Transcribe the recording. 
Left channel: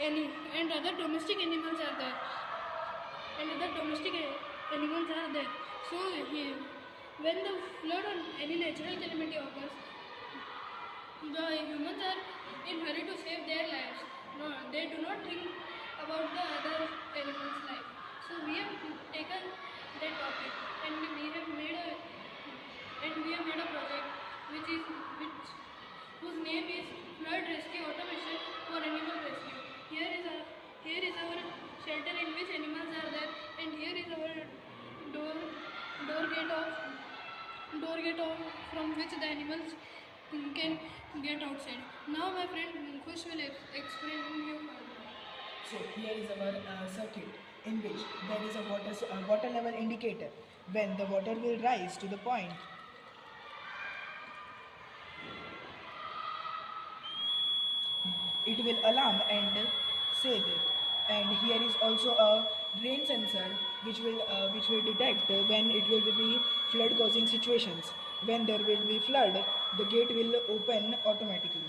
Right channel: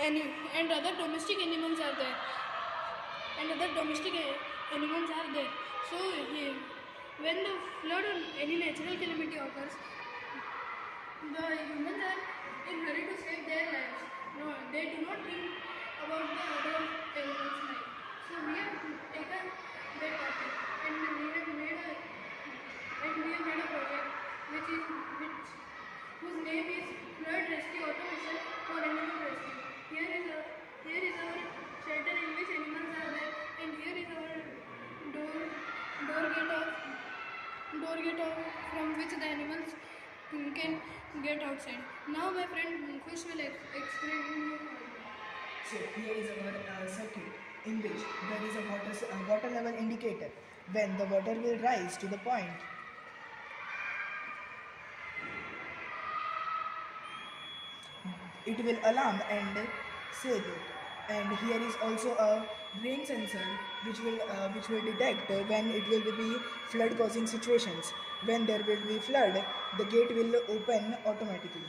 any and other domestic animals are there. So when the flood or any natural calamity occurs, the humans are in hurry to save their lives. No, they do not think about the other animals' life. So we have taken that topic and we have made a project whose name is Flood Rescue Automation for Animal Rescue. Here is our shelter in which animals are there, and here is our door door gate of from which the animals can get outside. Now my friend Kush will explain you further. So here is our circuit in which there is a water level indicator. When the water will rise to the point, it will alarm and save it. And here is also a rain sensor which will detect when it will be flood causing situations. When there will be flood, the gate will open automatically.